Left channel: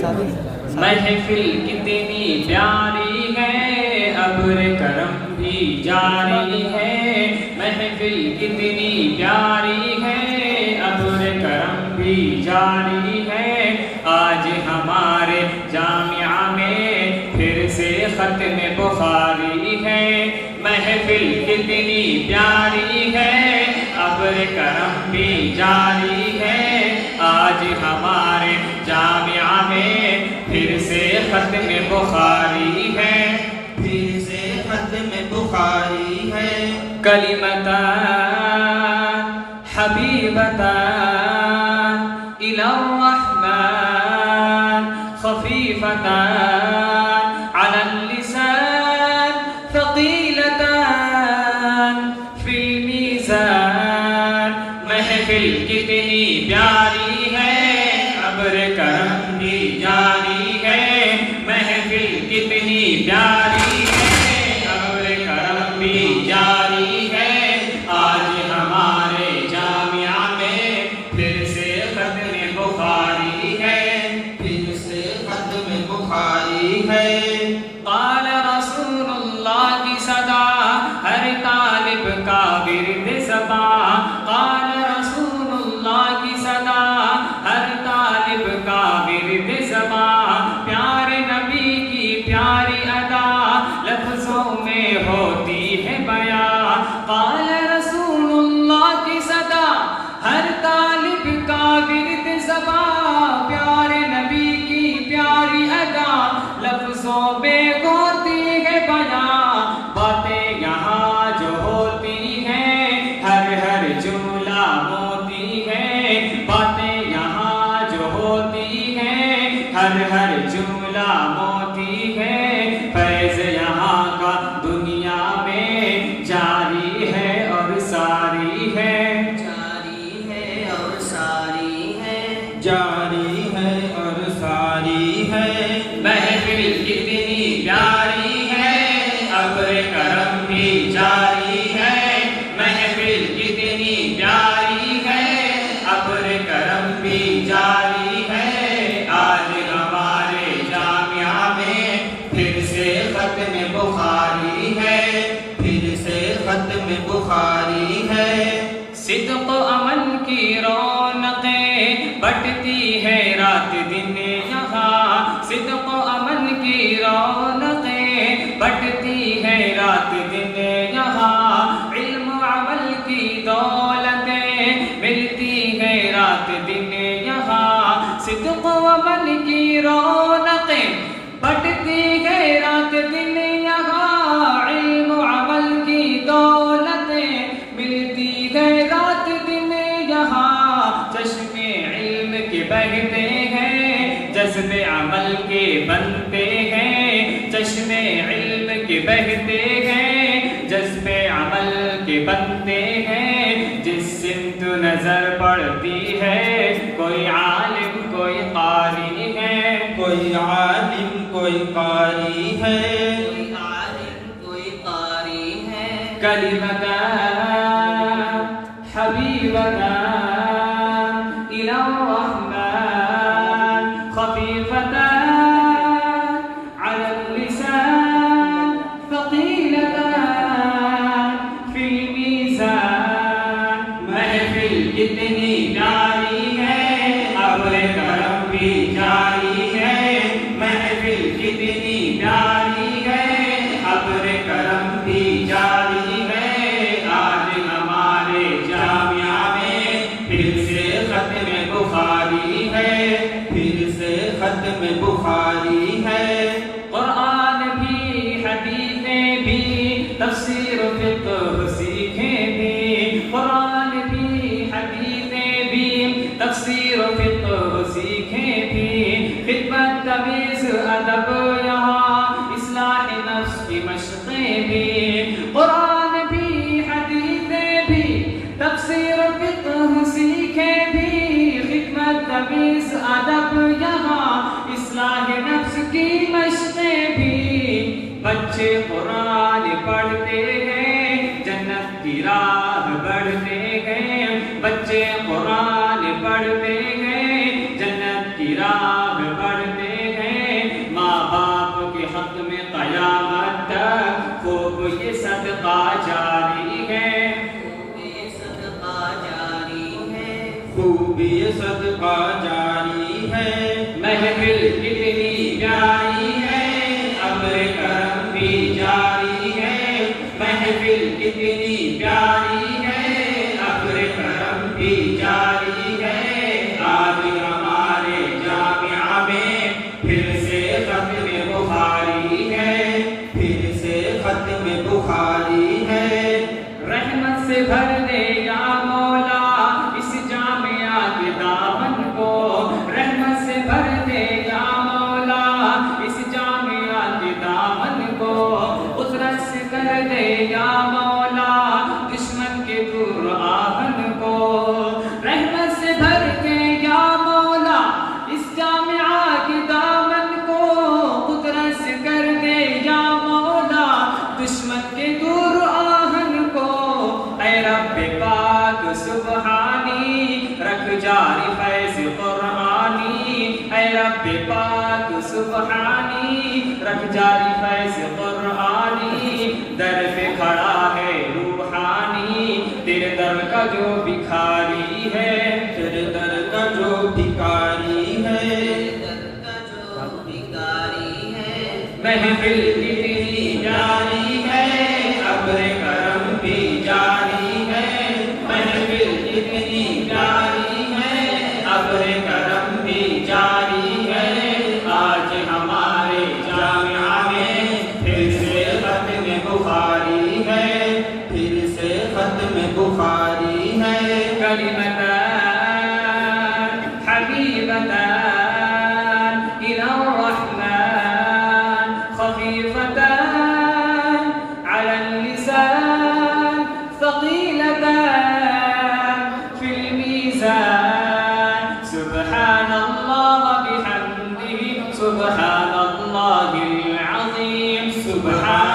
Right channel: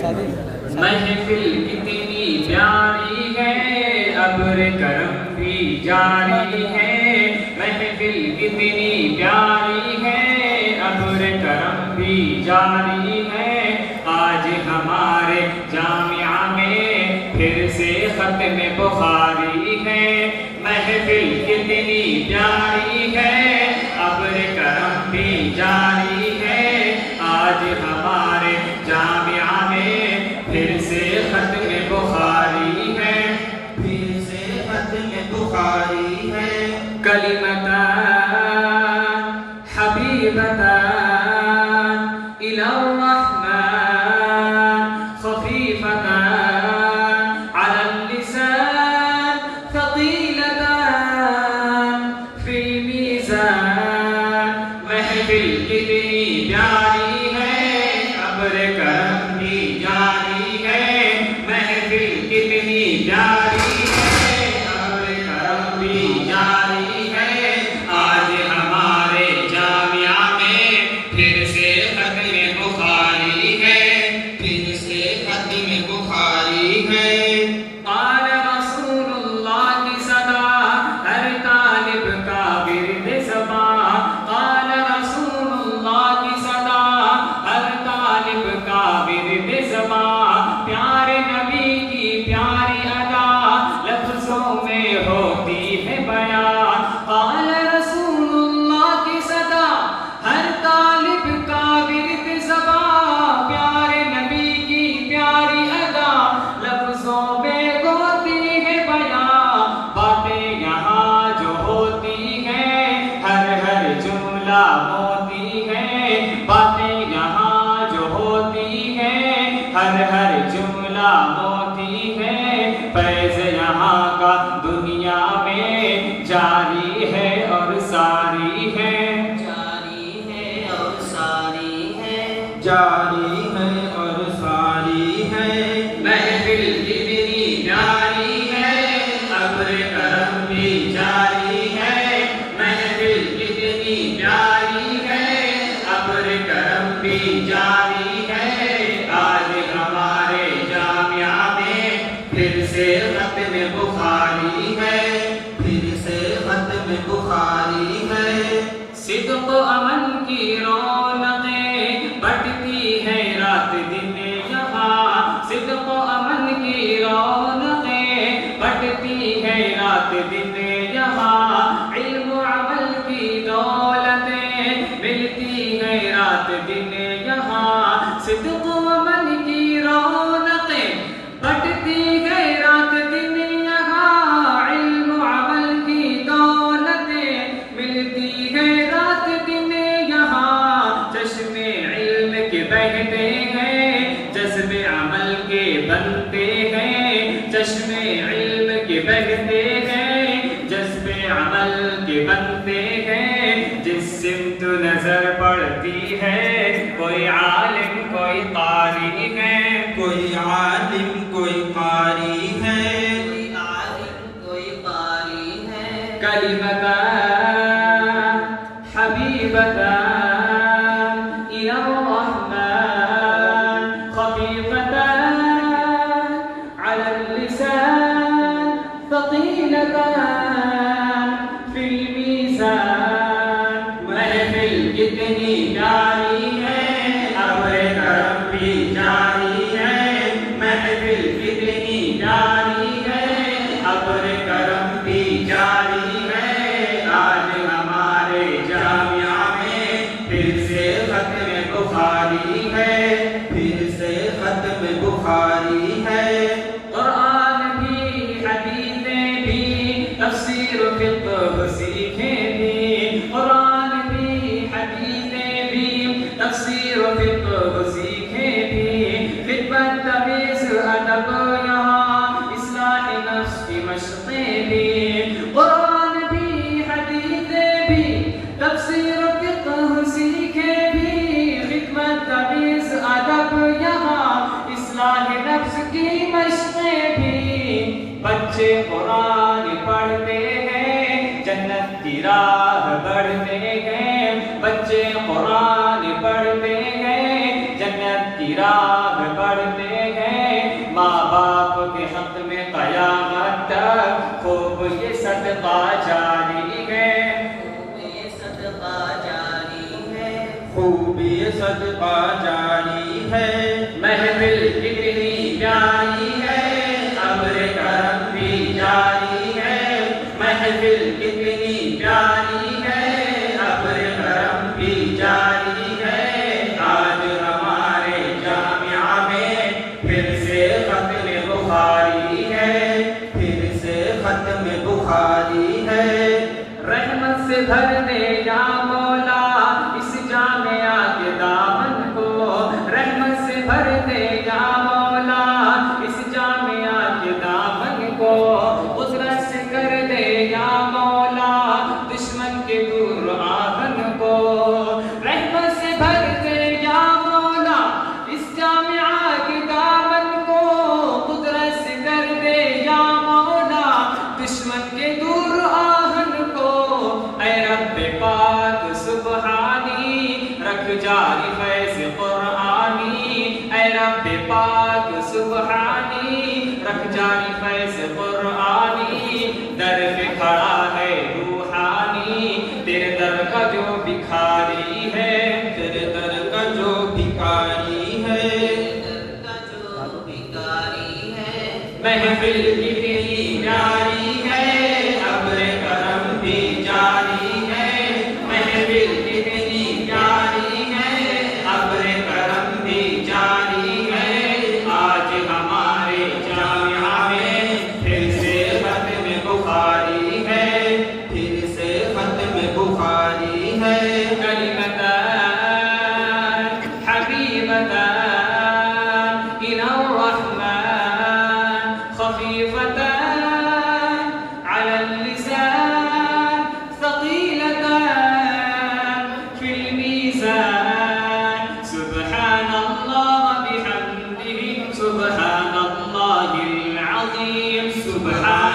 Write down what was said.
محفل کتنی پیاری ہے، ابر کرم بھی جاری ہے۔ محفل کتنی پیاری ہے، ابر کرم بھی جاری ہے۔ آج ہمارے جامعہ میں پھر سے ختم بخاری ہے۔ محفل کتنی پیاری ہے، ابر کرم بھی جاری ہے۔ آج ہمارے جامعہ میں پھر سے ختم بخاری ہے، پھر سے ختم بخاری ہے۔ کلمتان حبیبتان الی الرحمن خفیفتان علی اللسان ثقیلتان فی المیزان۔ محفل کتنی پیاری ہے، ابر کرم بھی جاری ہے۔ محفل کتنی پیاری ہے، ابر کرم بھی جاری ہے۔ آج ہمارے جامعہ میں پھر سے ختم بخاری ہے، پھر سے ختم بخاری ہے۔ قال رسول اللہ کی صدا ہر طالب کا ورد صبا۔ قال رسول اللہ کی صدا ہر طالب کا ورد صبا۔ پیارے نبی کی پیاری ادا لفظوں میں ہوتی ہے بیان۔ قال رسول اللہ کی صدا ہر طالب کا ورد صبا۔ پیارے نبی کی پیاری ادا لفظوں میں ہوتی ہے بیان۔ باتیں یہاں جو ہوتی ہیں ہر ہر جملہ موتی ہے۔ باتیں یہاں جو ہوتی ہیں ہر ہر جملہ موتی ہے۔ فیض یہاں کا دنیا میں جاری ہے اور ساری ہے، جاری ہے اور ساری ہے، جاری ہے اور ساری ہے۔ محفل کتنی پیاری ہے، ابر کرم بھی جاری ہے۔ محفل کتنی پیاری ہے، ابر کرم بھی جاری ہے۔ آج ہمارے جامعہ میں پھر سے ختم بخاری ہے، پھر سے ختم بخاری ہے۔ صدق و امن کی رونقیں بٹتی ہے رات دن یہاں۔ صدق و امن کی رونقیں بٹتی ہے رات دن یہاں۔ علم و عمل کی دولتیں ملتی ہے رات دن یہاں۔ صدق و امن کی رونقیں بٹتی ہے رات دن یہاں۔ علم و عمل کی دولتیں ملتی ہے رات دن یہاں۔ چشمے علم کے بہتے ہیں، جذبے عمل کے بنتے ہیں۔ چشمے علم کے بہتے ہیں، جذبے عمل کے بنتے ہیں۔ جس سمت نظر پڑتی ہے کوئی عالم کوئی قاری ہے، کوئی عالم کوئی قاری ہے، کوئی عالم کوئی قاری ہے۔ کلمتان حبیبتان الی الرحمن خفیفتان علی اللسان ثقیلتان فی المیزان۔ محفل کتنی پیاری ہے، ابر کرم بھی جاری ہے۔ محفل کتنی پیاری ہے، ابر کرم بھی جاری ہے۔ آج ہمارے جامعہ میں پھر سے ختم بخاری ہے، پھر سے ختم بخاری ہے۔ قرآن بھی حدیثیں بھی تفسیر و فقہ سیکھیں بھی۔ قرآن بھی حدیثیں بھی تفسیر و فقہ سیکھیں بھی۔ خدمت تمیز ادب یہاں اصلاح نفس کی مشقیں بھی۔ قرآن بھی حدیثیں بھی تفسیر و فقہ سیکھیں بھی۔ خدمت تمیز ادب یہاں اصلاح نفس کی مشقیں بھی۔ بچے قرآن پڑھتے ہیں، جنت کی راہ بڑھتے ہیں۔ بچے قرآن پڑھتے ہیں، جنت کی راہ بڑھتے بھی صدقہ جاری ہے، محفل کتنی پیاری ہے، ابر کرم بھی جاری ہے، محفل کتنی پیاری ہے، ابر کرم بھی جاری ہے، آج ہمارے جامعہ میں پھر سے ختم بخاری ہے، پھر سے ختم بخاری ہے، رحمت سے بھر دے یا مولا اس جامعہ کے دامن کو، رحمت سے بھر دے یا مولا اس جامعہ کے دامن کو، قدرت سے کر دے یا مولا دشمن کے دور آہن کو، رحمت سے بھر دے یا مولا اس جامعہ کے دامن کو، قدرت سے کر دے یا مولا دشمن کے دور آہن کو، اے رب پاک سبحانی رکھ جاری فیض قرآنی، اے رب پاک سبحانی رکھ جاری فیض قرآنی، در پہ کھڑا ہے روحانی تیرے در کا جو بھکاری ہے، تیرے در کا جو بھکاری ہے، محفل کتنی جاری ہے، ابر کرم بھی جاری ہے، محفل کتنی جاری ہے، ابر کرم بھی جاری ہے، آج ہمارے جامعہ میں پھر سے ختم بخاری ہے، پھر سے ختم بخاری ہے، کلمتان حبیبتان إلى الرحمن خفيفتان على اللسان ثقيلتان في الميزان، سبحان الله بحمده سبحان الله العظيم، سبحان